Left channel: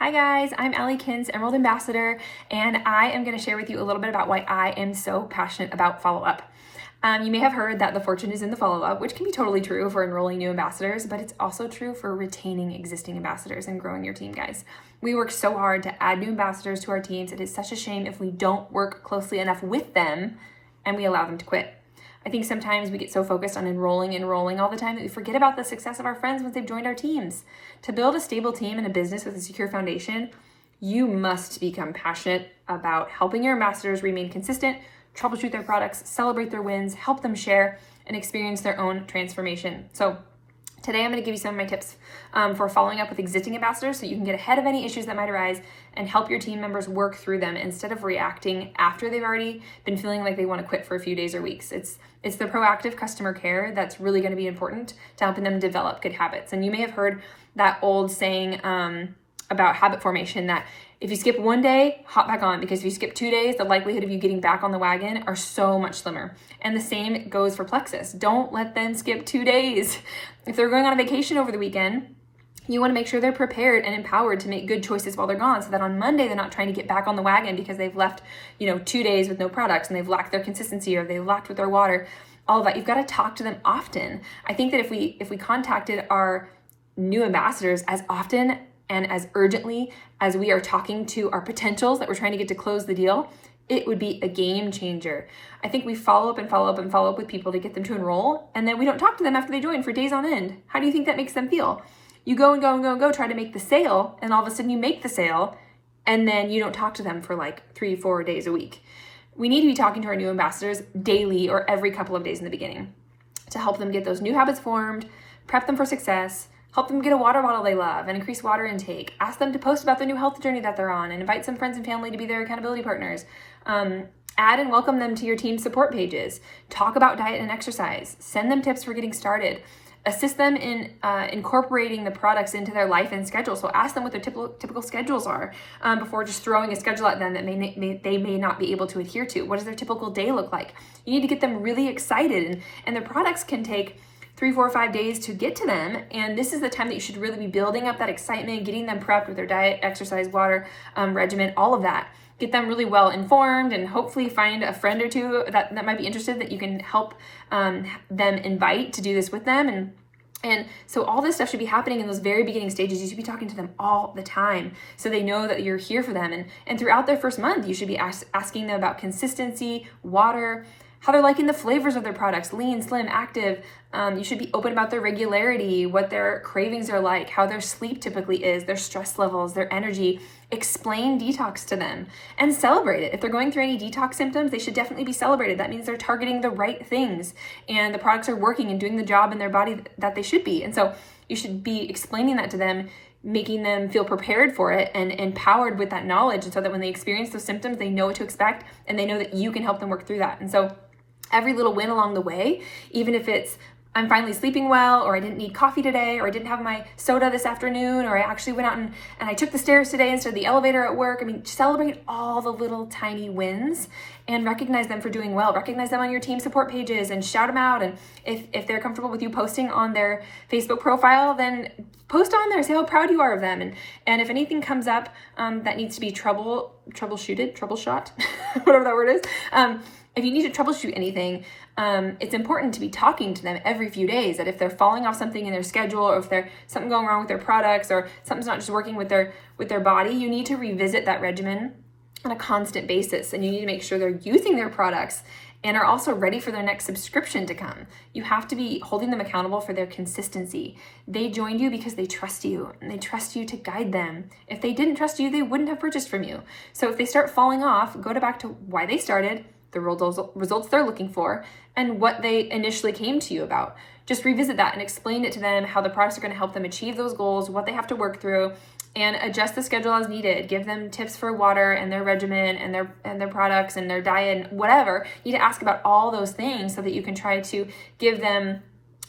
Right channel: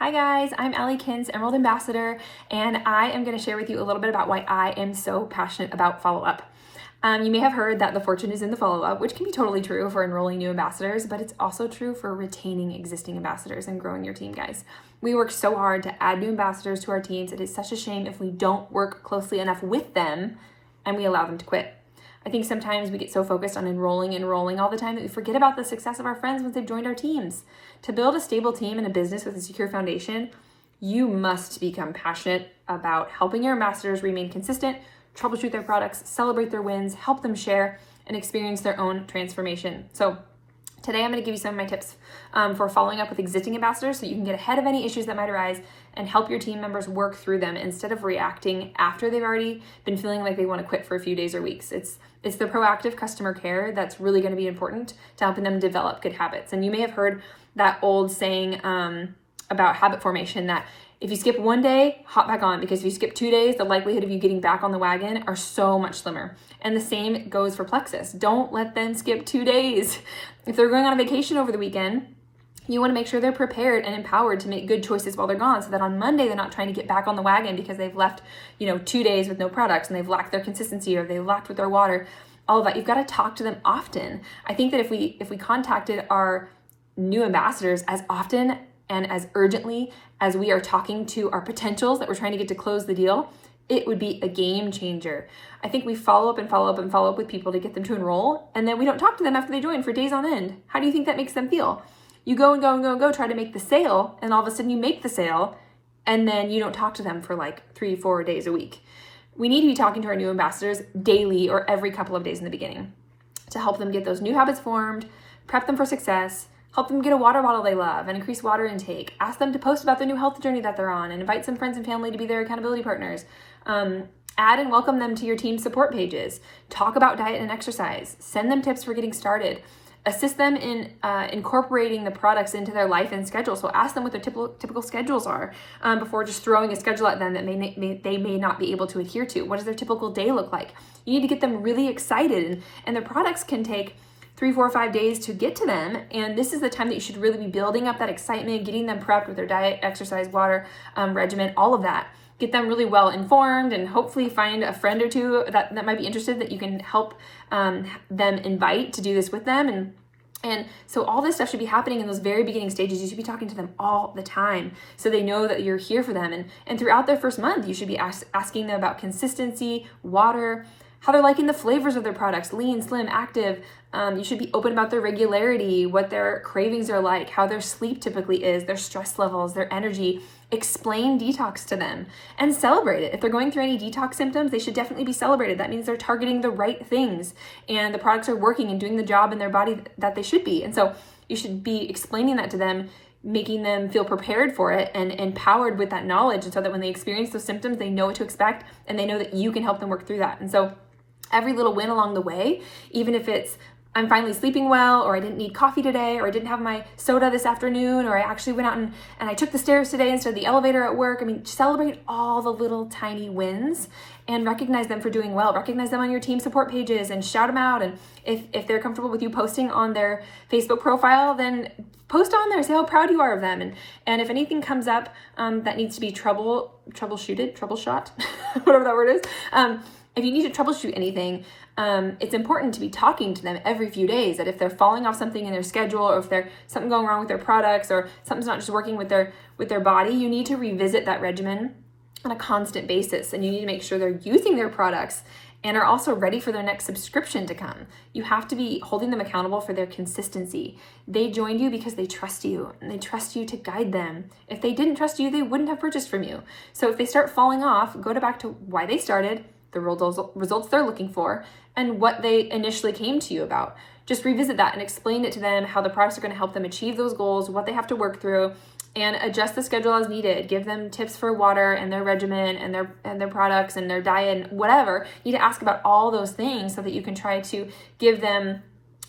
Hi guys, I'm Allie Kins, Emerald Ambassador, and I am going to share with you a little bit about why I am so passionate about follow-up. You may have heard that the fortune is in the follow-up, which can be totally true for enrolling new ambassadors, but it's also true for retaining existing ambassadors and growing your team, guys. We work so hard to add new ambassadors to our teams. It is such a shame if we don't work closely enough with them and we allow them to quit. I think sometimes we get so focused on enrolling all the time that we forget about the success of our friends once they've joined our teams. To build a stable team and a business with a secure foundation, you must become passionate about helping your ambassadors remain consistent, troubleshoot their products, celebrate their wins, help them share, and experience their own transformation. So today I'm going to give you some of my tips for following up with existing ambassadors so you can get ahead of any issues that might arise and help your team members work through them instead of reacting after they've already been feeling like they want to quit for a few days or weeks. It's the proactive customer care that's really going to be important to helping them develop good habits. And you may have heard that old saying about habit formation that if you skip one day, hop back on, because if you skip 2 days, the likelihood of you getting back on the wagon are so much slimmer. And the same goes for Plexus. Don't let them skip 2 days. If they're going on a vacation over the weekend, you want to make sure they're prepared and empowered to make good choices while they're gone, so that on Monday they're not trying to get back on the wagon because they've left, 2 days with no products and they've lacked their consistency or they've lacked with their water. All of that. You've got to talk to them often. I think that if we contacted our new ambassadors as often and as urgently as we are talking to our potentials that we're trying to get to close the deal, it would be a game changer. I think we follow up with people to get them to enroll, and then we don't talk to them after they join for days on end. How do you think that makes them feel? You go, try to make the sale, and all of a sudden you make the sale, and then you don't talk to them for like 3-4 days a week. We need to be talking to our new ambassadors daily or every couple of days in the beginning to help them get those new habits formed, prep them for success, help them get a water bottle they love and increase water intake, ask them to post about the new health journey that they're on, and invite some friends and family to be their accountability partners. Add and welcome them to your team support pages. Talk about diet and exercise. Send them tips for getting started. Assist them in incorporating the products into their life and schedule. So ask them what their typical schedules are before just throwing a schedule at them that they may not be able to adhere to. What does their typical day look like? You need to get them really excited, and their products can take 3, 4, 5 days to get to them. And this is the time that you should really be building up that excitement, getting them prepped with their diet, exercise, water regimen, all of that. Get them really well informed, and hopefully find a friend or two that might be interested that you can help them invite to do this with them. And so all this stuff should be happening in those very beginning stages. You should be talking to them all the time so they know that you're here for them. And throughout their first month, you should be asking them about consistency, water, how they're liking the flavors of their products, lean, slim, active. You should be open about their regularity, what their cravings are like, how their sleep typically is, their stress levels, their energy. Explain detox to them and celebrate it. If they're going through any detox symptoms, they should definitely be celebrated. That means they're targeting the right things and the products are working and doing the job in their body that they should be. And so you should be explaining that to them, making them feel prepared for it and empowered with that knowledge. And so that when they experience those symptoms, they know what to expect and they know that you can help them work through that. And so every little win along the way, even if it's I'm finally sleeping well, or I didn't need coffee today, or I didn't have my soda this afternoon, or I actually went out and I took the stairs today instead of the elevator at work. I mean, celebrate all the little tiny wins and recognize them for doing well. Recognize them on your team support pages and shout them out. And if they're comfortable with you posting on their Facebook profile, then post on there, say how proud you are of them. And if anything comes up that needs to be troubleshot, whatever that word is, if you need to troubleshoot anything, it's important to be talking to them every few days, that if they're falling off something in their schedule, or if there's something going wrong with their products, or something's not just working with their body, you need to revisit that regimen on a constant basis. And you need to make sure they're using their products and are also ready for their next subscription to come. You have to be holding them accountable for their consistency. They joined you because they trust you, and they trust you to guide them. If they didn't trust you, they wouldn't have purchased from you. So if they start falling off, go back to why they started, the results they're looking for, and what they initially came to you about. Just revisit that and explain it to them, how the products are going to help them achieve those goals, what they have to work through, and adjust the schedule as needed. Give them tips for water and their regimen and their products and their diet and whatever. You need to ask about all those things so that you can try to give them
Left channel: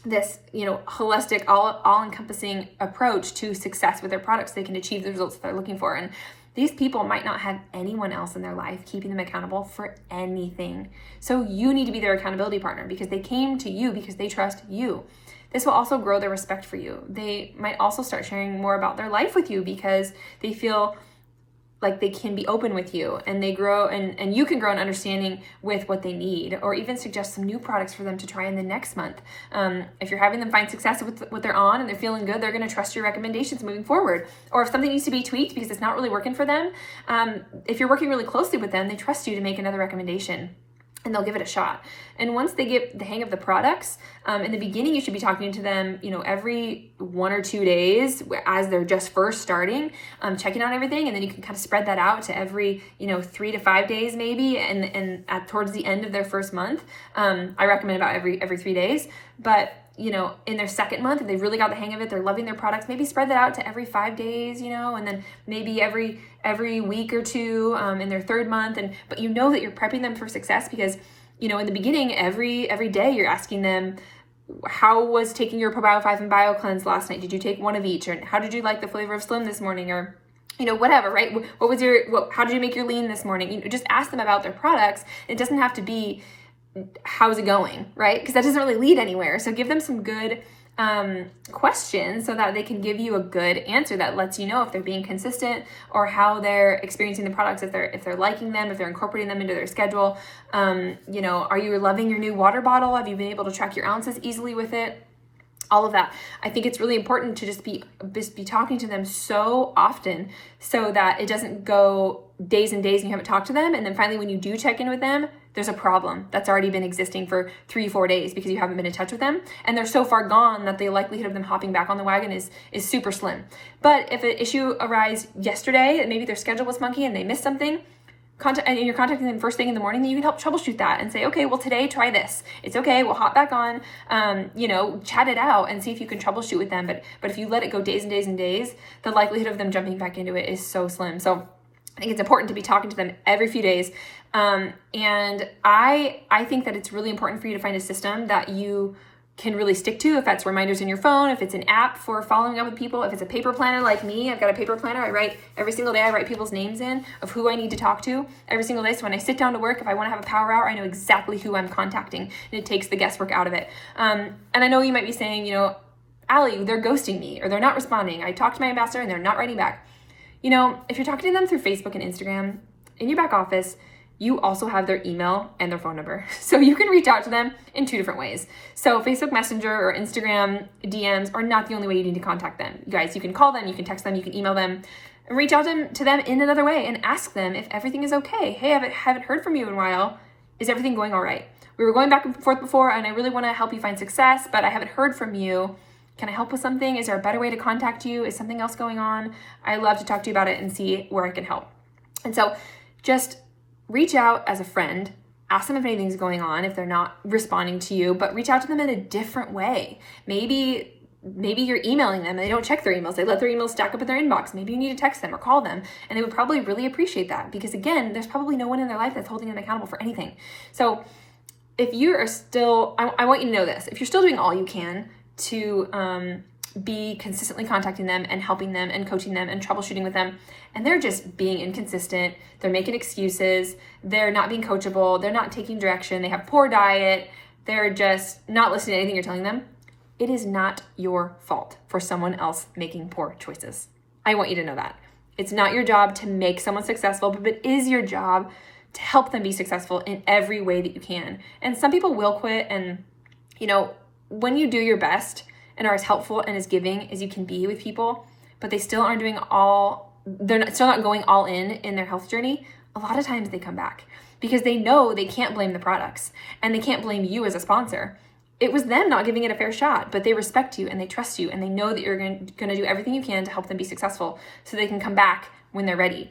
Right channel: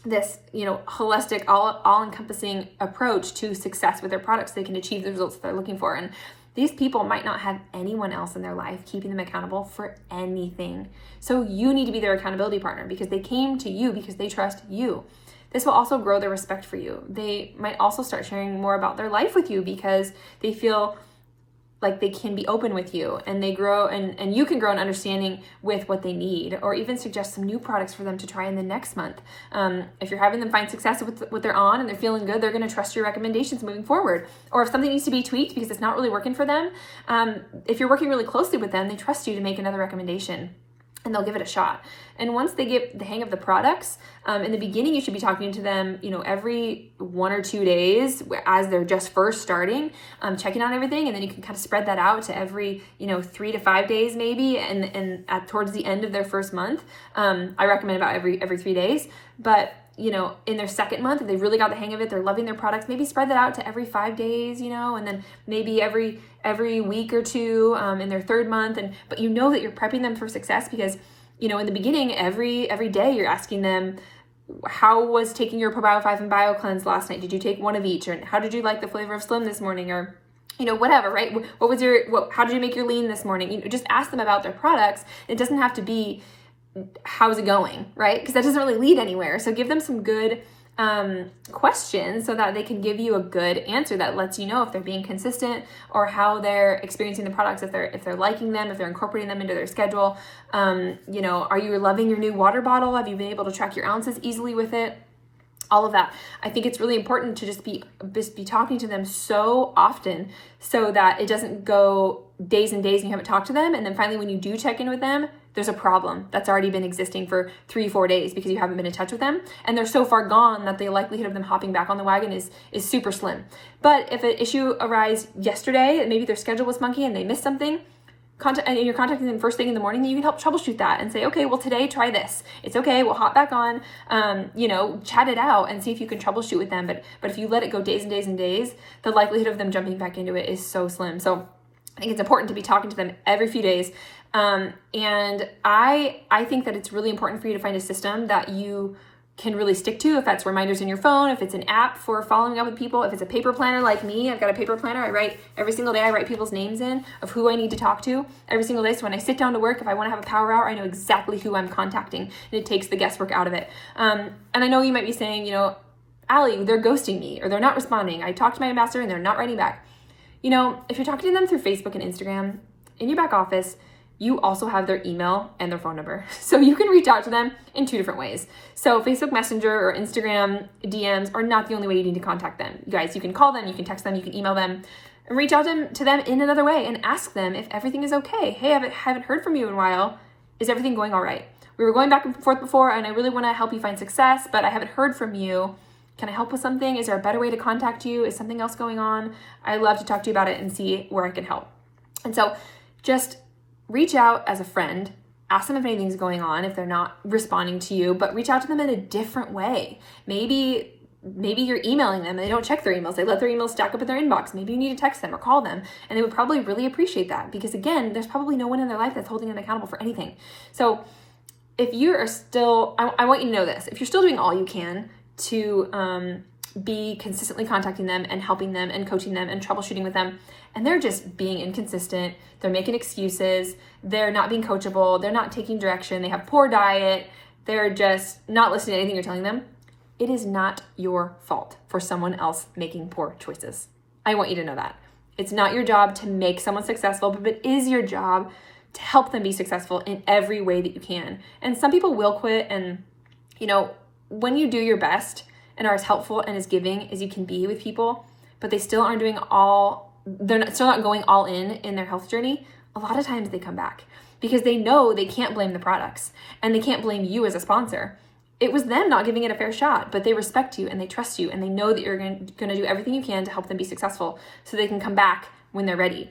this, holistic, all-encompassing approach to success with their products. They can achieve the results they're looking for. And these people might not have anyone else in their life keeping them accountable for anything. So you need to be their accountability partner, because they came to you because they trust you. This will also grow their respect for you. They might also start sharing more about their life with you because they feel like they can be open with you, and they grow and you can grow an understanding with what they need, or even suggest some new products for them to try in the next month. If you're having them find success with what they're on and they're feeling good, they're going to trust your recommendations moving forward. Or if something needs to be tweaked because it's not really working for them, if you're working really closely with them, they trust you to make another recommendation, and they'll give it a shot. And once they get the hang of the products, in the beginning, you should be talking to them, every 1 or 2 days as they're just first starting, checking out everything. And then you can kind of spread that out to every, 3 to 5 days maybe. And towards the end of their first month, I recommend about every 3 days. But, in their second month, if they really got the hang of it, they're loving their products, maybe spread that out to every 5 days, and then maybe every week or two in their third month. But that you're prepping them for success because, in the beginning, every day you're asking them, how was taking your Probio 5 and Bio Cleanse last night? Did you take one of each? Or how did you like the flavor of Slim this morning? Or, whatever, right? How did you make your lean this morning? Just ask them about their products. It doesn't have to be, how's it going, right? Because that doesn't really lead anywhere. So give them some good questions so that they can give you a good answer that lets you know if they're being consistent or how they're experiencing the products, if they're liking them, if they're incorporating them into their schedule. Are you loving your new water bottle? Have you been able to track your ounces easily with it? All of that. I think it's really important to just be talking to them so often so that it doesn't go days and days and you haven't talked to them. And then finally, when you do check in with them, there's a problem that's already been existing for 3-4 days because you haven't been in touch with them. And they're so far gone that the likelihood of them hopping back on the wagon is super slim. But if an issue arose yesterday, maybe their schedule was funky and they missed something, and you're contacting them first thing in the morning, then you can help troubleshoot that and say, okay, well, today try this. It's okay. We'll hop back on, chat it out and see if you can troubleshoot with them. But if you let it go days and days and days, the likelihood of them jumping back into it is so slim. So I think it's important to be talking to them every few days. And I think that it's really important for you to find a system that you can really stick to, if that's reminders in your phone, if it's an app for following up with people, if it's a paper planner like me. I've got a paper planner. I write every single day. I write people's names in of who I need to talk to every single day. So when I sit down to work, if I want to have a power hour, I know exactly who I'm contacting, and it takes the guesswork out of it. And I know you might be saying, Allie, they're ghosting me or they're not responding. I talked to my ambassador and they're not writing back. If you're talking to them through Facebook and Instagram in your back office, you also have their email and their phone number. So you can reach out to them in 2 different ways. So Facebook Messenger or Instagram DMs are not the only way you need to contact them. You guys, you can call them, you can text them, you can email them, and reach out to them in another way and ask them if everything is okay. Hey, I haven't heard from you in a while. Is everything going all right? We were going back and forth before, and I really want to help you find success, but I haven't heard from you. Can I help with something? Is there a better way to contact you? Is something else going on? I'd love to talk to you about it and see where I can help. And so just reach out as a friend, ask them if anything's going on, if they're not responding to you, but reach out to them in a different way. Maybe you're emailing them and they don't check their emails. They let their emails stack up in their inbox. Maybe you need to text them or call them, and they would probably really appreciate that because, again, there's probably no one in their life that's holding them accountable for anything. So if you are still, I want you to know this, if you're still doing all you can to be consistently contacting them and helping them and coaching them and troubleshooting with them, and they're just being inconsistent, they're making excuses, they're not being coachable, they're not taking direction, they have poor diet, they're just not listening to anything you're telling them, it is not your fault for someone else making poor choices. I want you to know that. It's not your job to make someone successful, but it is your job to help them be successful in every way that you can. And some people will quit, and when you do your best and are as helpful and as giving as you can be with people, but they still aren't still not going all in their health journey, a lot of times they come back because they know they can't blame the products and they can't blame you as a sponsor. It was them not giving it a fair shot, but they respect you and they trust you and they know that you're going to do everything you can to help them be successful so they can come back when they're ready.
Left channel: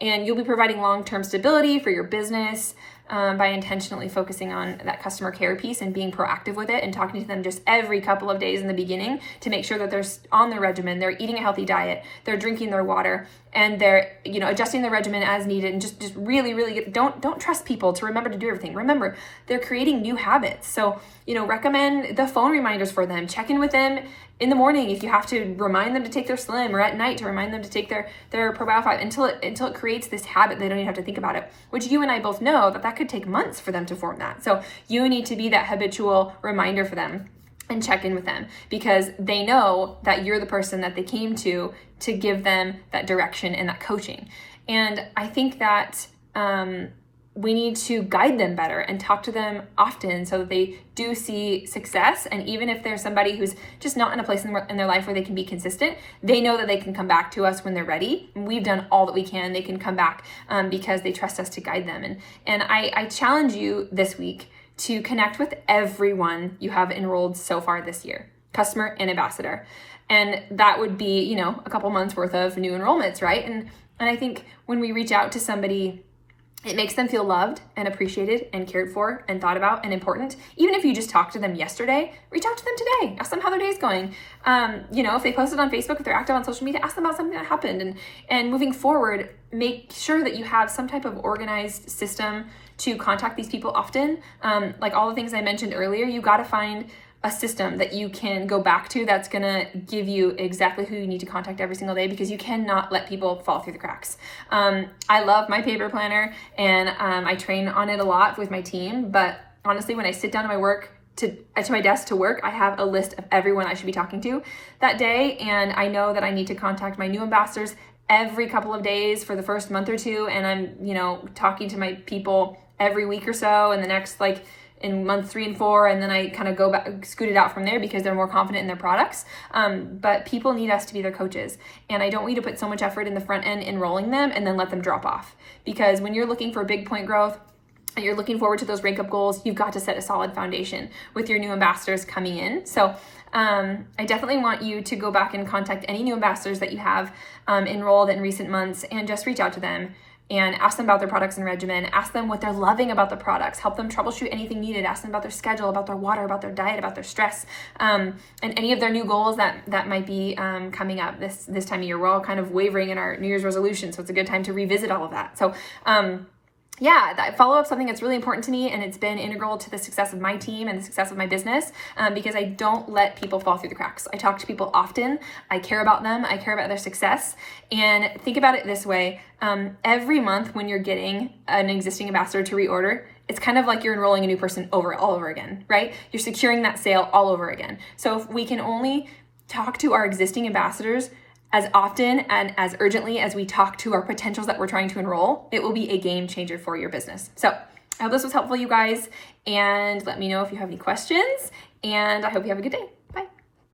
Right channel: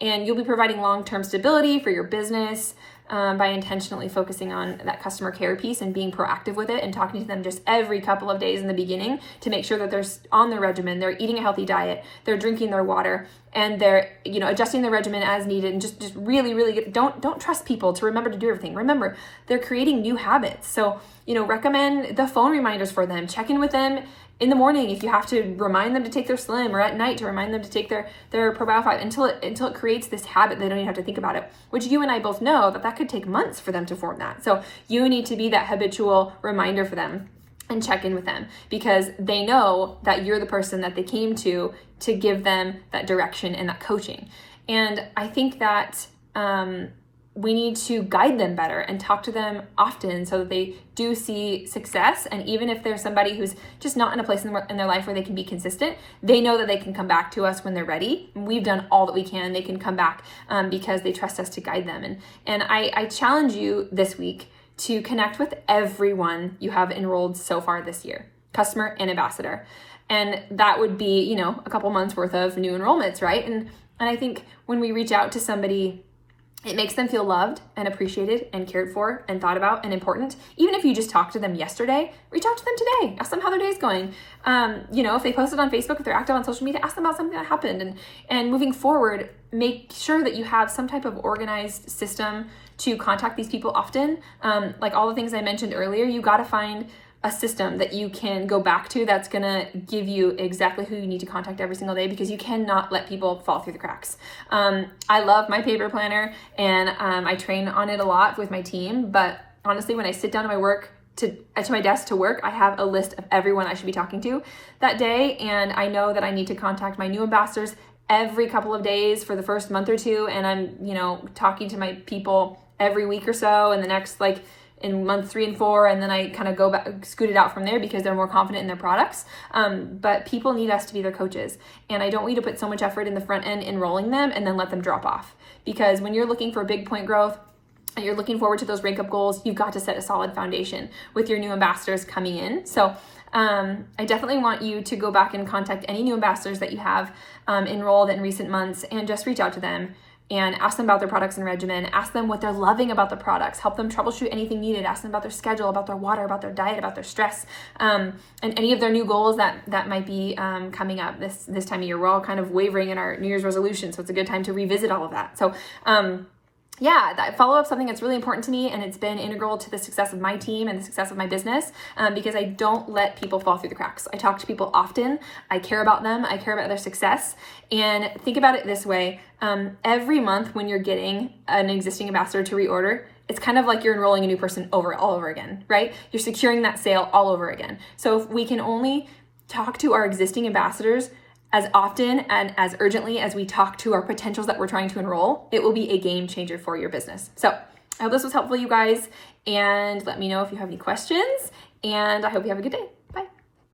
And you'll be providing long-term stability for your business by intentionally focusing on that customer care piece and being proactive with it and talking to them just every couple of days in the beginning to make sure that they're on their regimen, they're eating a healthy diet, they're drinking their water, and they're adjusting their regimen as needed, and just really don't trust people to remember to do everything. Remember, they're creating new habits. So recommend the phone reminders for them. Check in with them in the morning if you have to remind them to take their Slim, or at night to remind them to take their Probio 5 until it creates this habit. They don't even have to think about it, which you and I both know that could take months for them to form that. So you need to be that habitual reminder for them. and check in with them, because they know that you're the person that they came to give them that direction and that coaching. And I think that we need to guide them better and talk to them often so that they do see success. And even if there's somebody who's just not in a place in their life where they can be consistent, they know that they can come back to us when they're ready. We've done all that we can, and they can come back because they trust us to guide them. And I challenge you this week to connect with everyone you have enrolled so far this year, customer and ambassador. And that would be, you know, a couple months worth of new enrollments, right? And I think when we reach out to somebody, it makes them feel loved and appreciated and cared for and thought about and important. Even if you just talked to them yesterday, reach out to them today. Ask them how their day's going. You know, if they posted on Facebook, if they're active on social media, ask them about something that happened. And moving forward, make sure that you have some type of organized system to contact these people often. Like all the things I mentioned earlier, you got to find a system that you can go back to that's going to give you exactly who you need to contact every single day, because you cannot let people fall through the cracks. I love my paper planner, and I train on it a lot with my team, but honestly, when I sit down at my work to my desk to work, I have a list of everyone I should be talking to that day, and I know that I need to contact my new ambassadors every couple of days for the first month or two, and I'm, you know, talking to my people every week or so, and the next, like, in month 3 and 4, and then I kind of go back, scoot it out from there because they're more confident in their products. But people need us to be their coaches, and I don't need to put so much effort in the front end enrolling them and then let them drop off. Because when you're looking for big point growth and you're looking forward to those rank up goals, you've got to set a solid foundation with your new ambassadors coming in. So I definitely want you to go back and contact any new ambassadors that you have enrolled in recent months, and just reach out to them and ask them about their products and regimen. Ask them what they're loving about the products. Help them troubleshoot anything needed. Ask them about their schedule, about their water, about their diet, about their stress, and any of their new goals that might be coming up this time of year. We're all kind of wavering in our New Year's resolution, so it's a good time to revisit all of that. So yeah, that follow-up is something that's really important to me, and it's been integral to the success of my team and the success of my business, because I don't let people fall through the cracks. I talk to people often. I care about them. I care about their success. And think about it this way. Every month when you're getting an existing ambassador to reorder, it's kind of like you're enrolling a new person all over again, right? You're securing that sale all over again. So if we can only talk to our existing ambassadors as often and as urgently as we talk to our potentials that we're trying to enroll, it will be a game changer for your business. So I hope this was helpful, you guys, and let me know if you have any questions, and I hope you have a good day.